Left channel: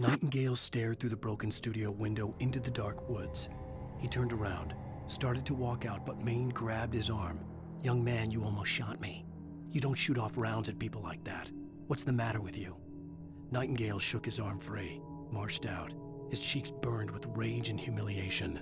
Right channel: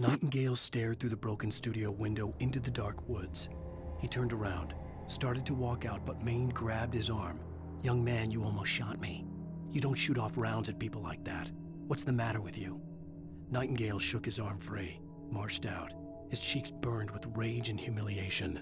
Nightingale stared through the broken studio window into the dark woods. He turned around, started to walk out, but Maine grabbed his arm. "Young man, you almost shot me. You don't shoot off rounds at people like that. What's the matter with you?" Nightingale shook his arm free, marched out. His cheeks burned with rage and humiliation.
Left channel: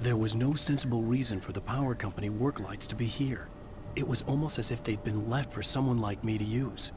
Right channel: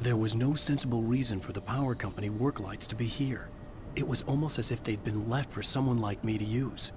There was no sensible reason for the power company work lights to be here. It was almost as if they'd been left for someone like me to use.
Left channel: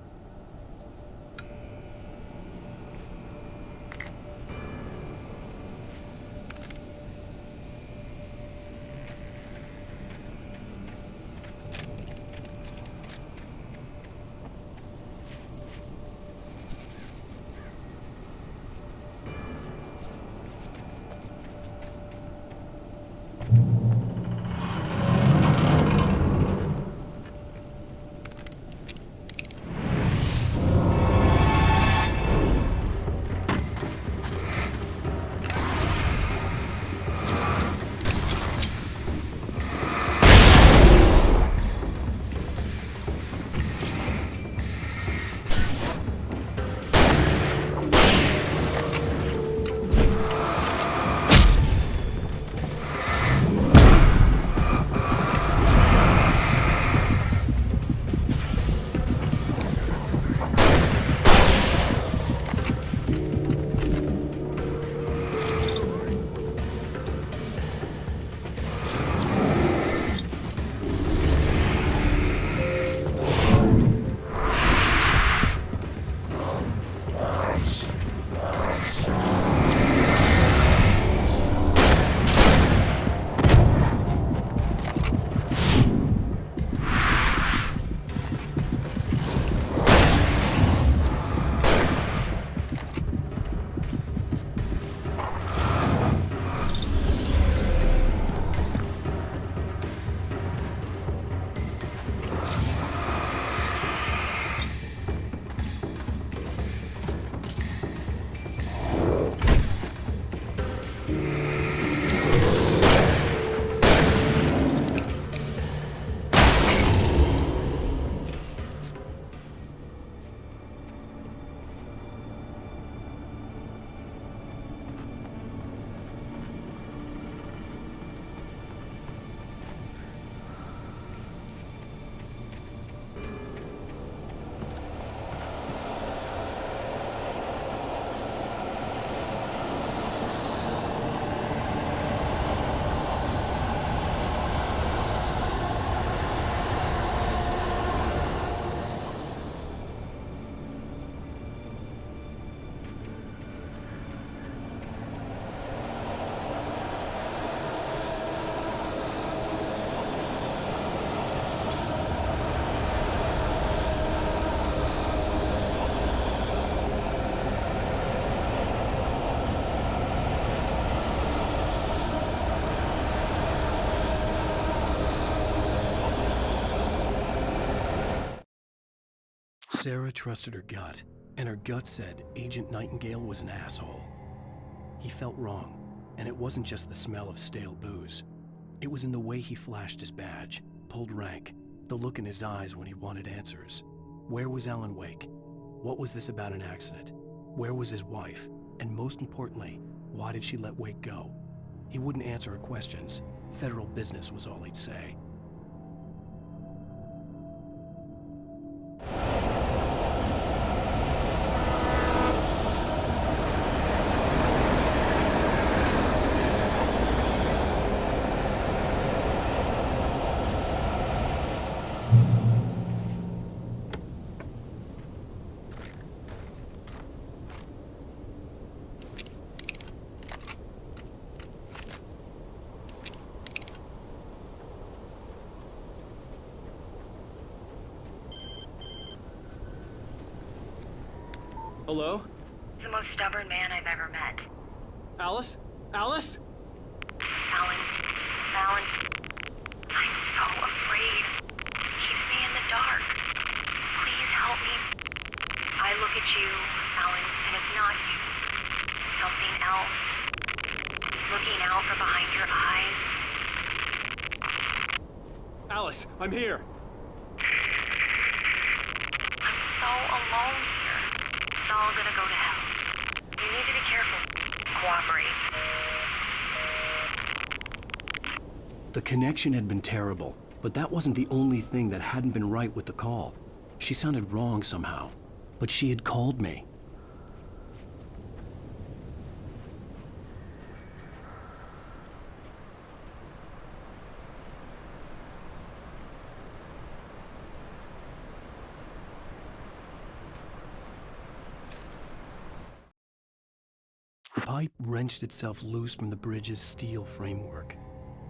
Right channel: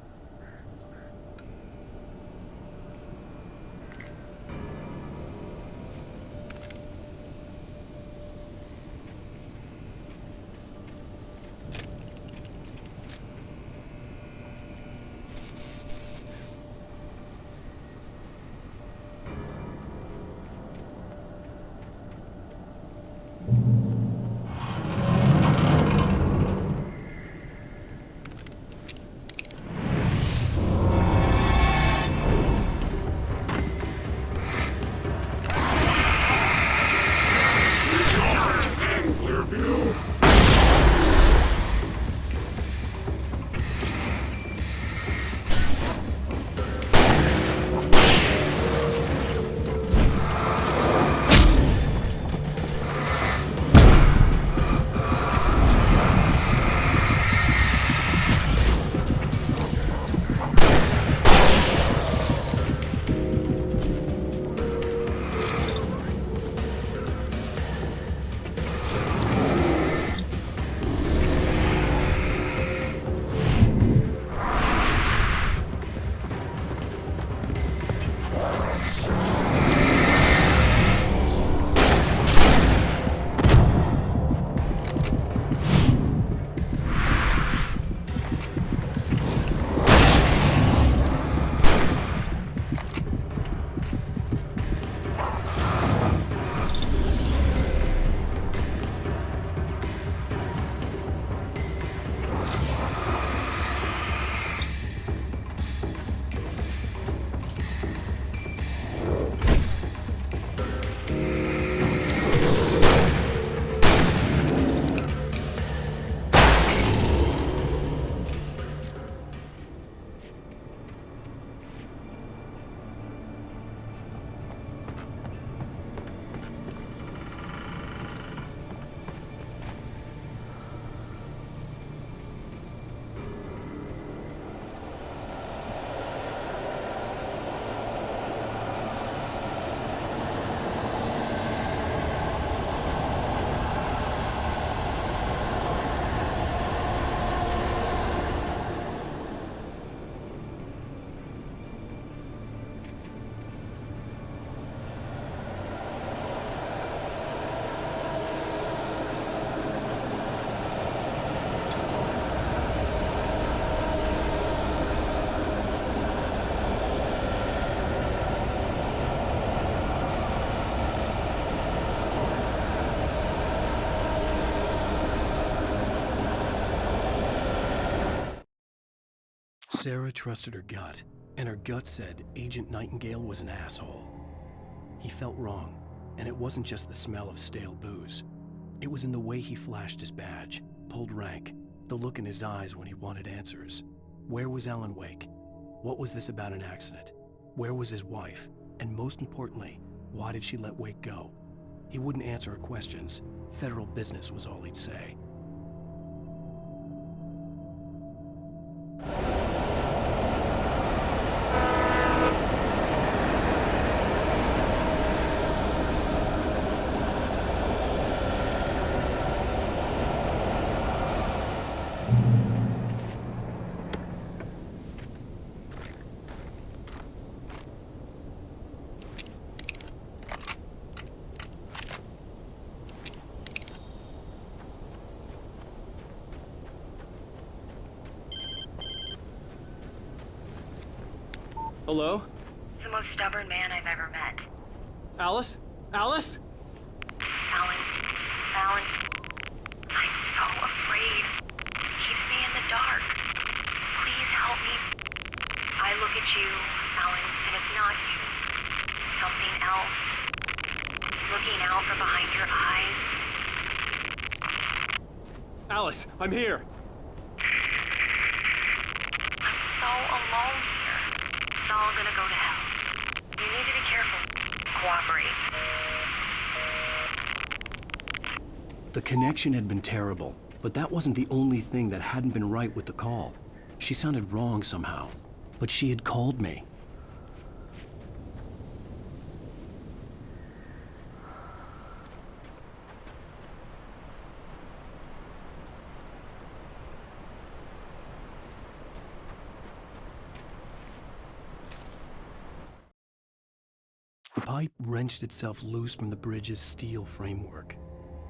Sarah trusted her gut, and her gut said Agent Nightingale was an asshole. He felt wrong, and it wasn't just the smell of stale booze. It was in the way he flashed his badge, pulled rank, the look in his eyes when he wanted answers. Where was Alan Wake? What was this about an accident? Where was his wife? And most importantly, why did she let Wake go? He wouldn't answer her questions. Federal business was all he'd say. Hello? The most stubborn man I've ever met. Alice? Alice? Alan. Alan. I'm so afraid. He keeps me in the dark. Please help me. I look at you, Alan, and it's not you. Something else. Looking out from behind your eyes. Alice, I'm here. I'm so alone here. It's all gonna go to hell. You need to be careful. Cooperate. The connection had been terrible, but that wasn't the only thing that hadn't been right with the call. She sounded wrong somehow, but she had called me. The pipe wrenched itself loose from the bridge's steel framework.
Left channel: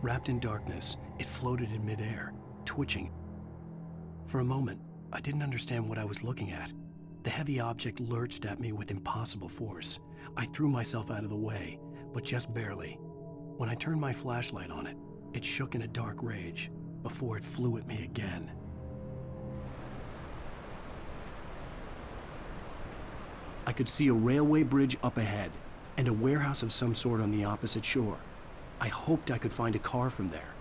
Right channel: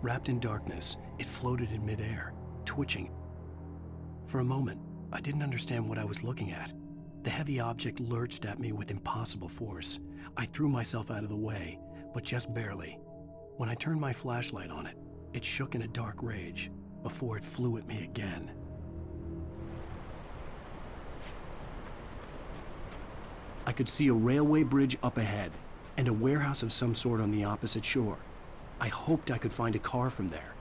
Wrapped in darkness, it floated in midair, twitching. For a moment, I didn't understand what I was looking at. The heavy object lurched at me with impossible force. I threw myself out of the way, but just barely. When I turned my flashlight on it, it shook in a dark rage before it flew at me again. I could see a railway bridge up ahead, and a warehouse of some sort on the opposite shore. I hoped I could find a car from there.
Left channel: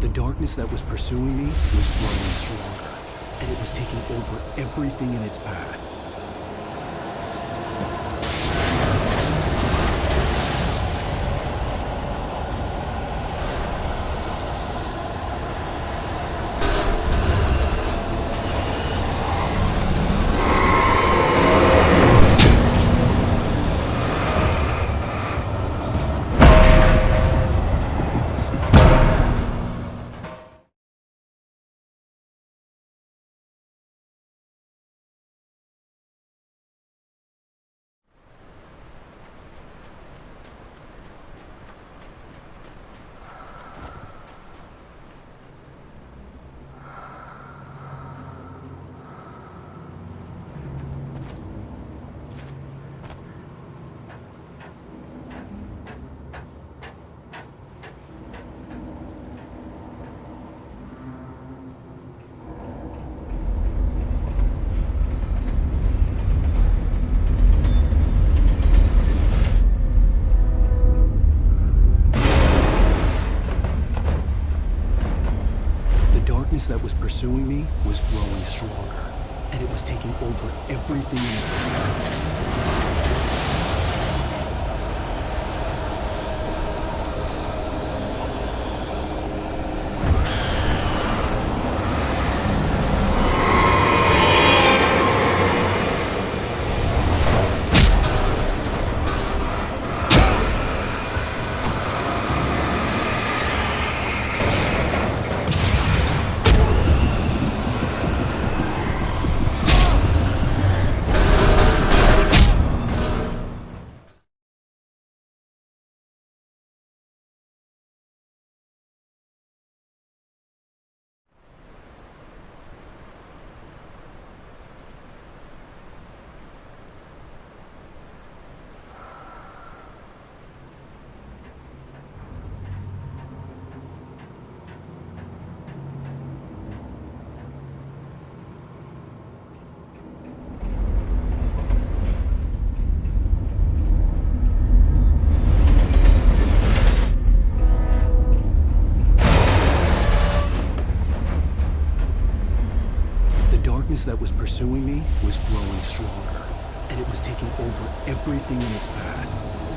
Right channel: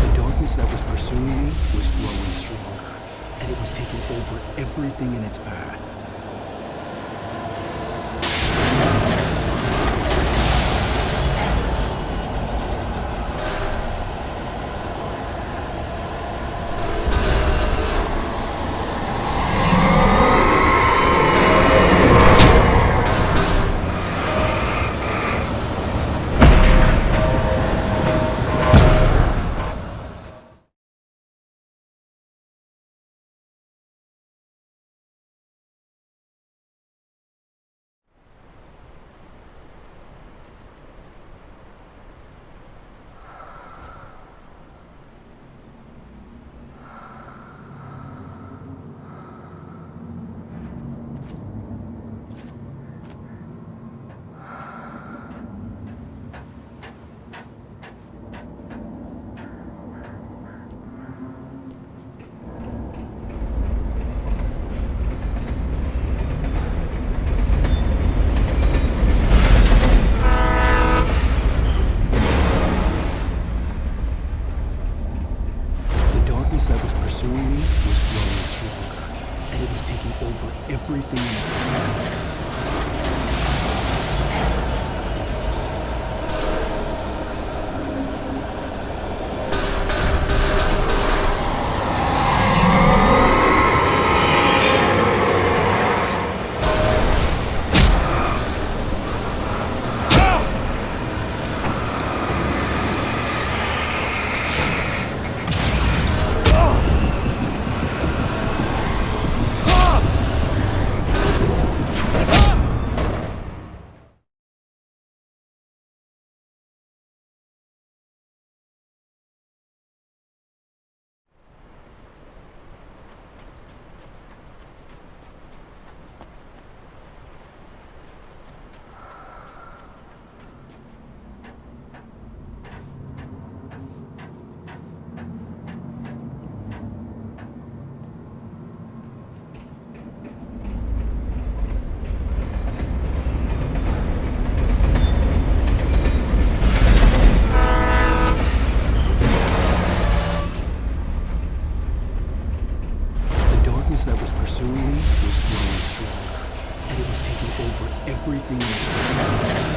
The darkness that was pursuing me was growing stronger, and it was taking over everything in its path. That was pursuing me was growing stronger, and it was taking over everything in its path. darkness that was pursuing me was growing stronger, and it was taking over everything in its path.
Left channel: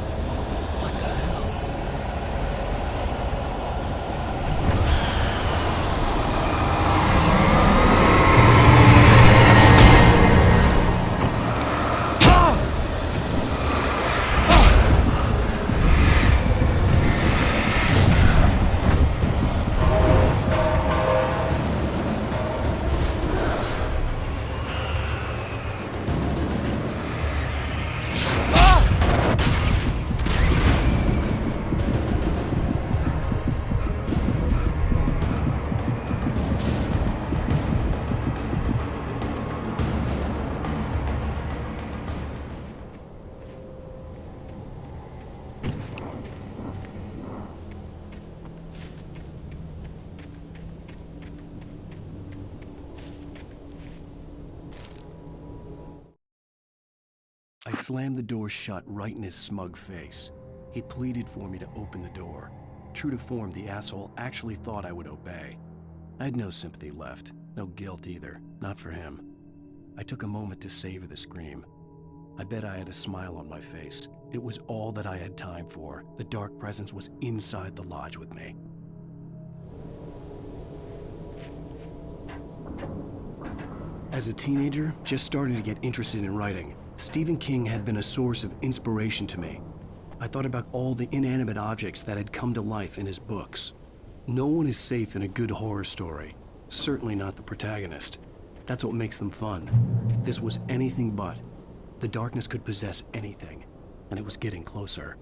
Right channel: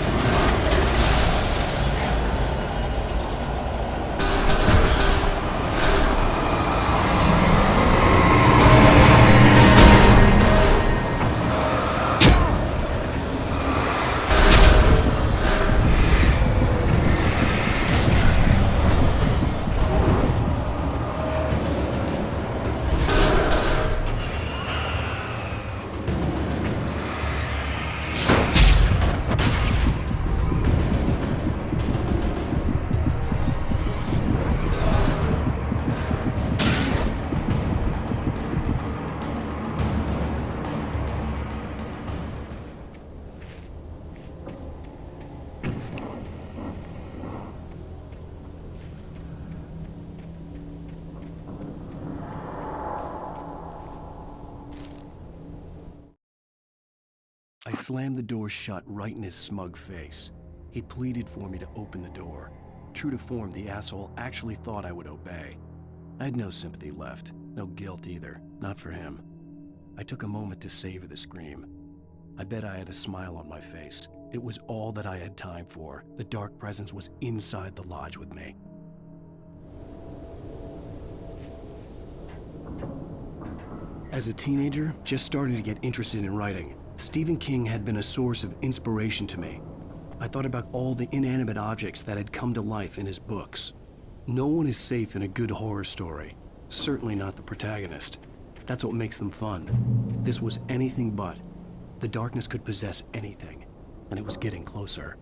I slammed the door shut right in his smug face. He pleaded for me to open the door. True to form, the asshole actually thought I would obey. I had no sympathy left, no guilt either, not for him. I took a moment to savor the scream. I bet I had a smile on my face. It was all that I had time for. The dark presence was inside the lodge with me. As a teenager, just starting to get interested in writing, Stephen King had been a source of inspiration to me. I thought about all the inanimate objects that had come to life in his books. No one is safe in a good horror story, certainly not the protagonist. That's what makes them fun. This was anything but. The darkness could possess anything, and it was getting closer.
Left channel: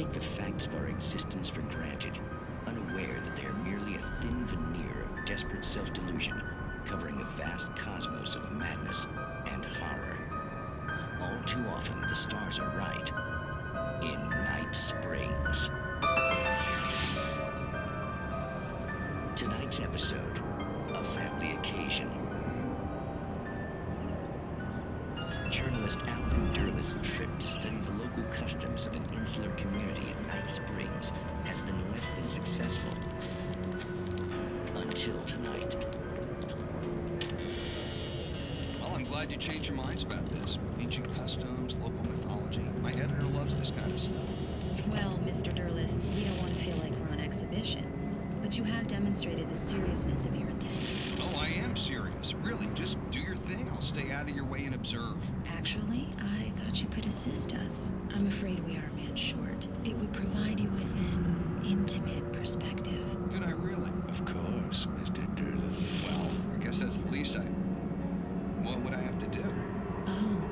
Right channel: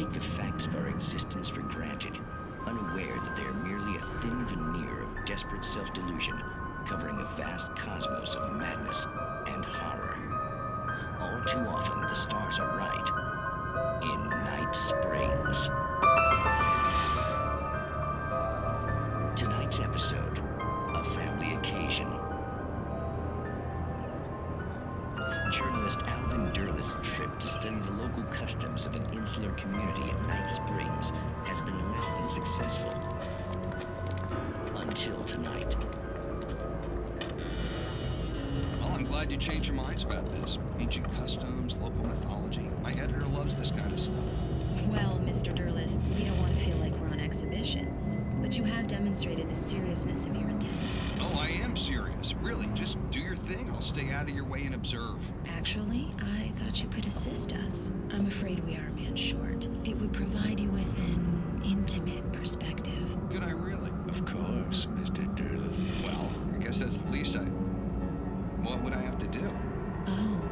take the facts of our existence for granted, unaware that they are merely a thin veneer of desperate self-delusion covering a vast cosmos of madness and horror. All too often, the stars are right. In Night Springs. Tonight's episode, A Family Occasion. Journalist Alvin Derleth's trip to study the local customs of an insular community in Night Springs has been less than successful. Until tonight. Well, I'm glad you changed your minds about this. Ancient customs, local mythology. My editor loves this kind of stuff. Well, Mr. Derleth, we don't want to feel like we're on exhibition. But you have demonstrated the seriousness of your intent. Oh, I am serious. Really, just do your thing. I'll stay out of your way and observe. Actually, I thought you could assist us. I'm afraid we are a man short. It would provide you with an intimate perspective. Could I really? Of course, Mr. Derleth. Well, I guess that's the least What would I have to do? Oh,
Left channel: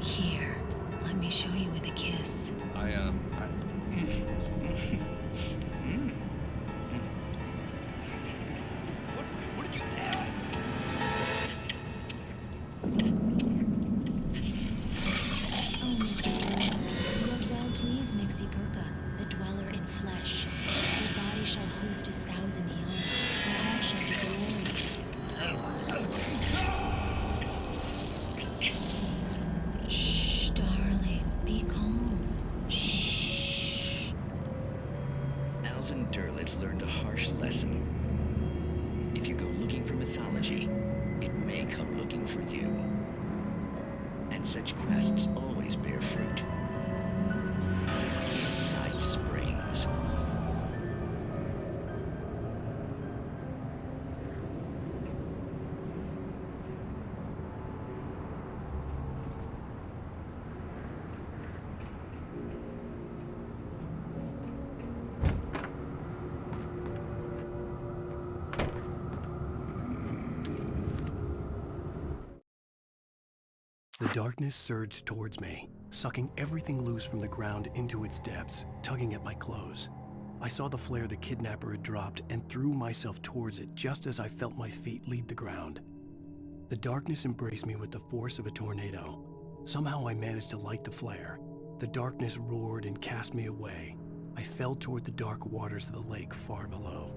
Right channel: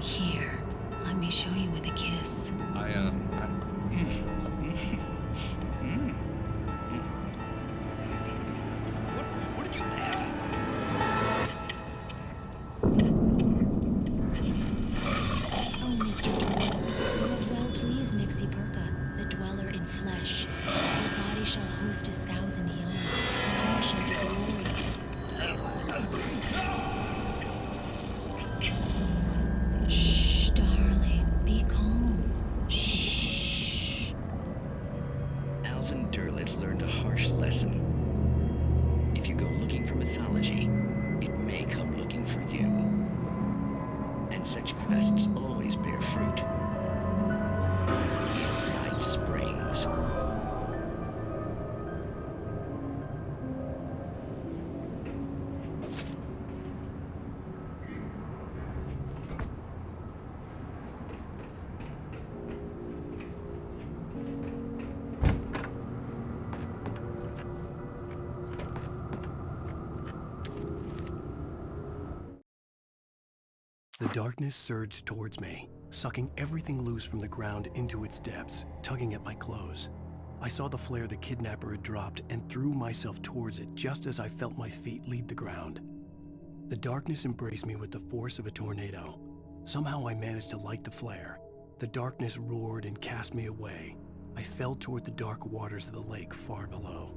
here. Let me show you with a kiss. What did you add? Oh, Mr. Derleth, you have well pleased Nixie Perka, the dweller in flesh. Your body shall host his 1,000 young, and all shall be glory. Shh, darling, be calm. Shh. Alvin Derleth learned a harsh lesson. If you go looking for mythology, it may come looking for you. And such quests always bear fruit. Night Springs. The darkness surged towards me, sucking everything loose from the ground into its depths, tugging at my clothes. I saw the flare the kidnapper had dropped and threw myself towards it just as I felt my feet leave the ground. The darkness embraced me with the force of a tornado. Somehow I managed to light the flare. The darkness roared and cast me away. I fell toward the dark waters of the lake far below.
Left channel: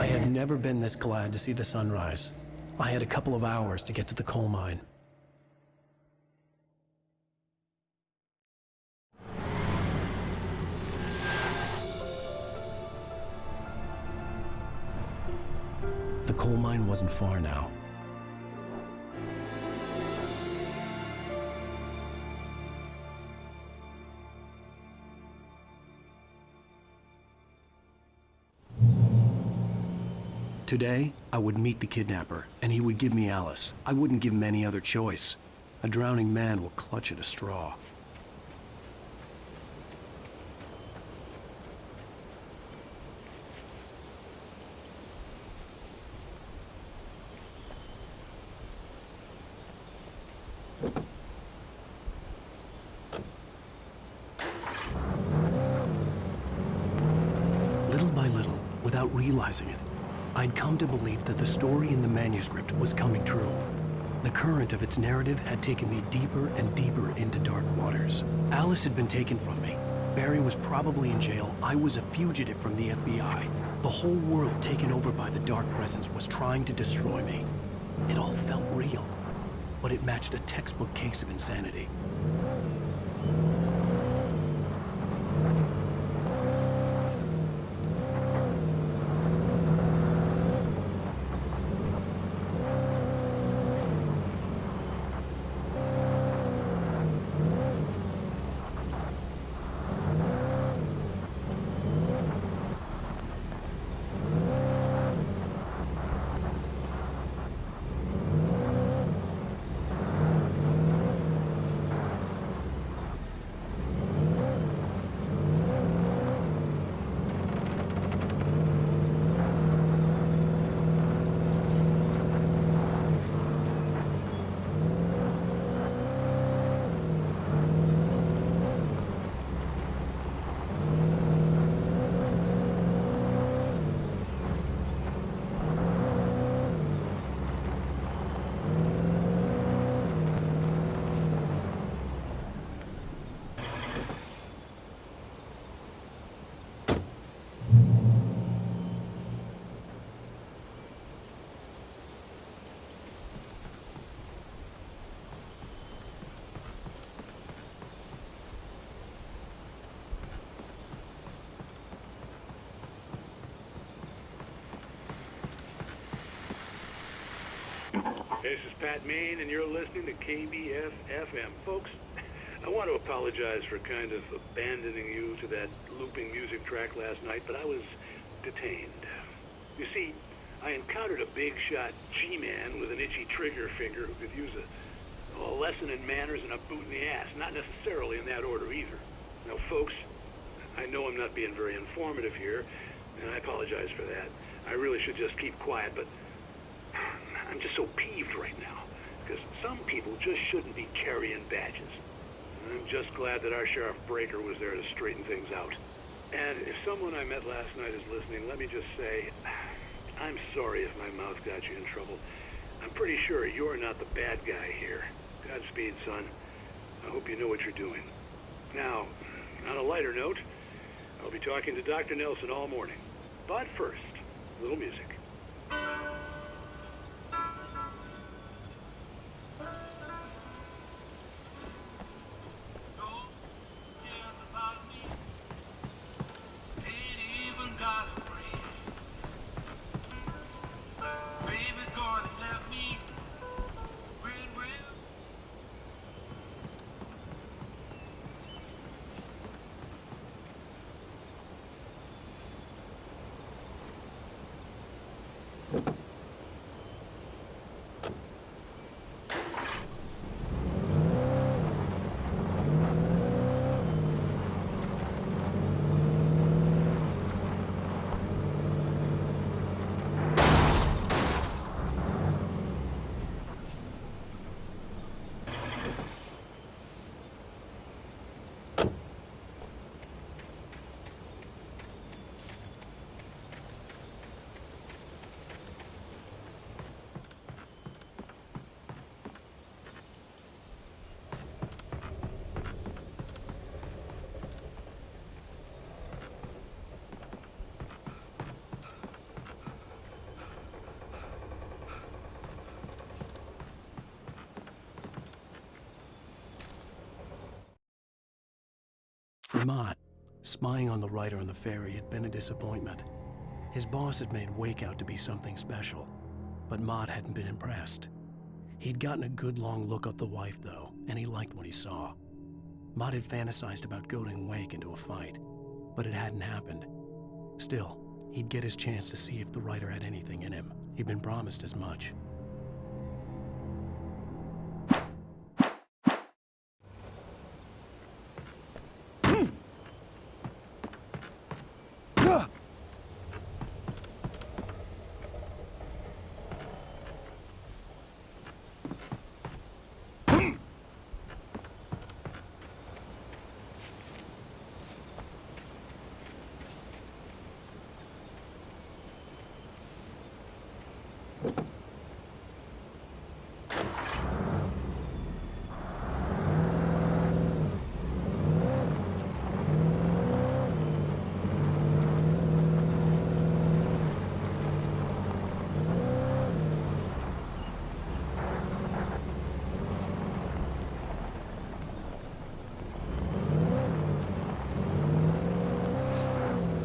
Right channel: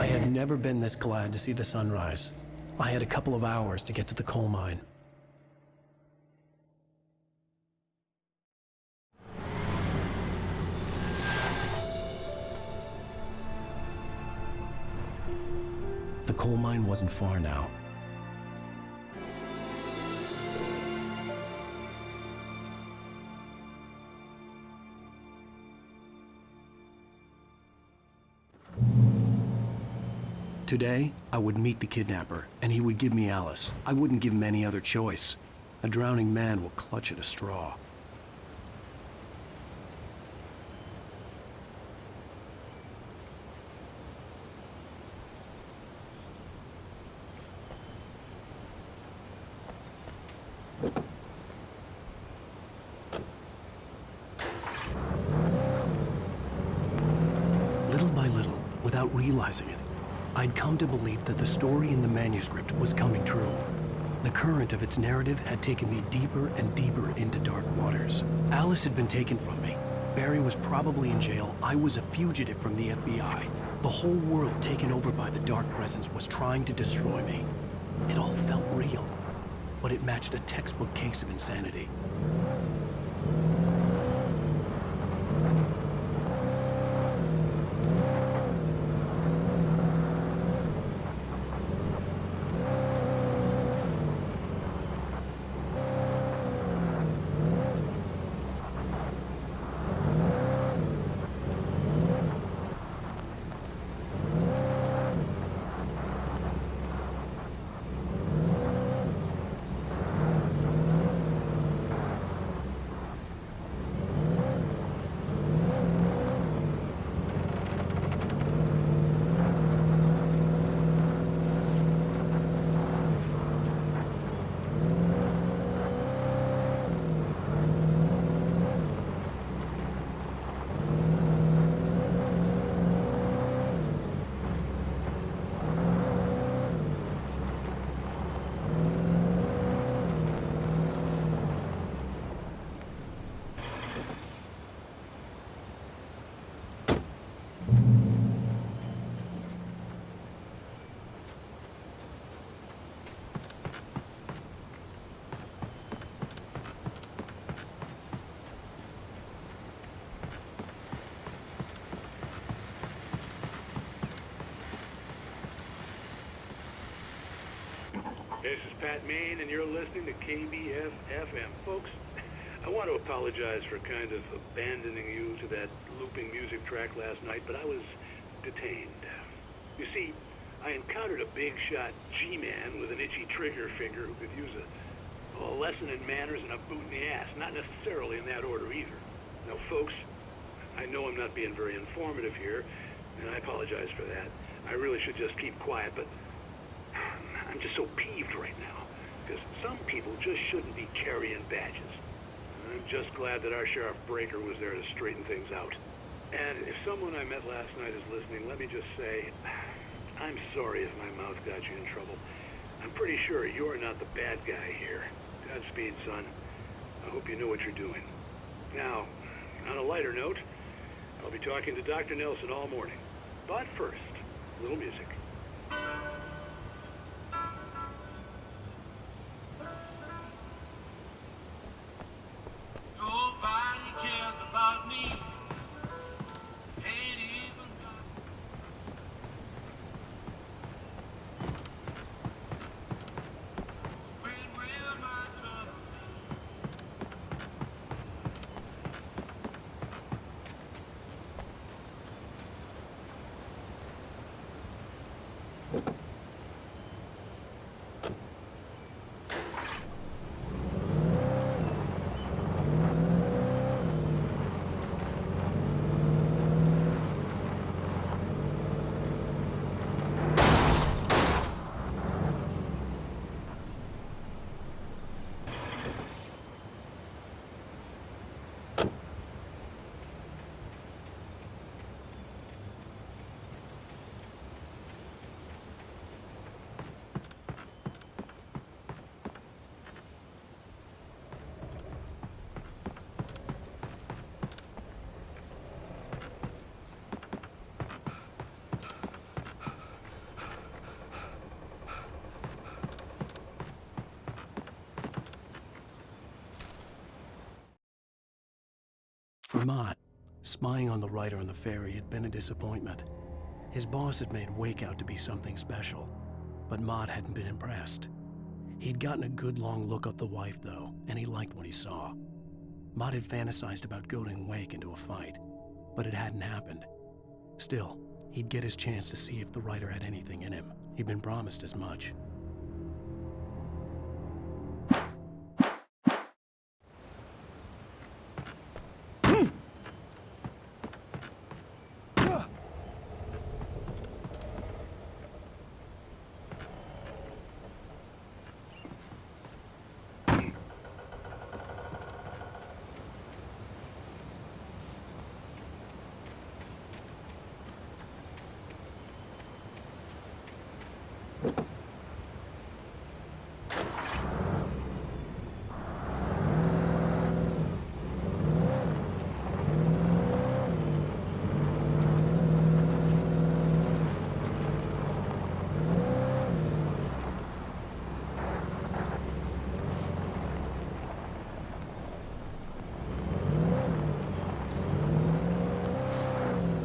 I had never been this glad to see the sunrise. I had a couple of hours to get to the coal mine. The coal mine wasn't far now. Today, I would meet the kidnapper, and he would give me Alice. I wouldn't give him any other choice. A drowning man will clutch at a straw. Little by little, without realizing it, I'd come to believe that the story in the manuscript was coming true. The current of its narrative had taken me deeper and deeper into dark waters. Alice had been taken from me. Barry was probably in jail. I was a fugitive from the FBI. The whole world taken over by the dark presence was trying to destroy me. It all felt real, but it matched a textbook case of insanity. This is Pat Main, and you're listening to KBF-FM. Folks, I want to apologize for kind of abandoning you to that looping music track last night, but I was detained. You see, I encountered a big-shot G-man with an itchy trigger finger who could use a lesson in manners and a boot in the ass. Not necessarily in that order either. Now, folks, I know I'm not being very informative here, and I apologize for that. I really should just keep quiet, but I'm just so peeved right now, because some people just shouldn't be carrying badges. I'm just glad that our Sheriff Breaker was there to straighten things out. And if someone I met last night is listening, let me just say, I'm sorry if my mouth got you in trouble. I'm pretty sure you're not the bad guy here. Godspeed, son. I hope you know what you're doing. Now, on a lighter note, I'll be talking to Dr. Nelson all morning. But first, a little music. For Mott, spying on the writer on the ferry had been a disappointment. His boss had made Wake out to be something special, but Mott hadn't been impressed. He'd gotten a good long look at the wife, though, and he liked what he saw. Mott had fantasized about goading Wake into a fight, but it hadn't happened. Still, he'd get his chance to see if the writer had anything in him. He'd been promised as much.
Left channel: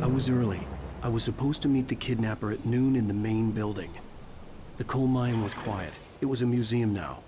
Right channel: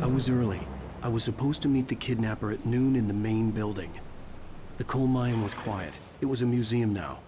I was early. I was supposed to meet the kidnapper at noon in the main building. The coal mine was quiet. It was a museum now.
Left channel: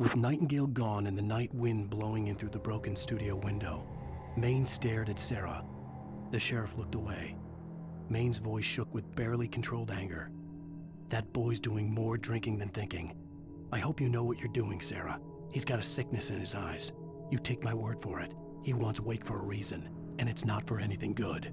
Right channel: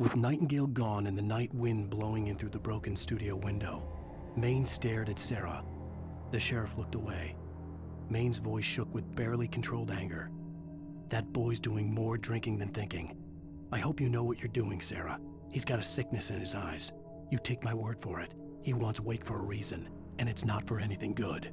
With Nightingale gone and the night wind blowing in through the broken studio window, Maine stared at Sarah. The sheriff looked away. Maine's voice shook with barely controlled anger. That boy's doing more drinking than thinking. I hope you know what you're doing, Sarah. He's got a sickness in his eyes. You take my word for it. He wants Wake for a reason, and it's not for anything good.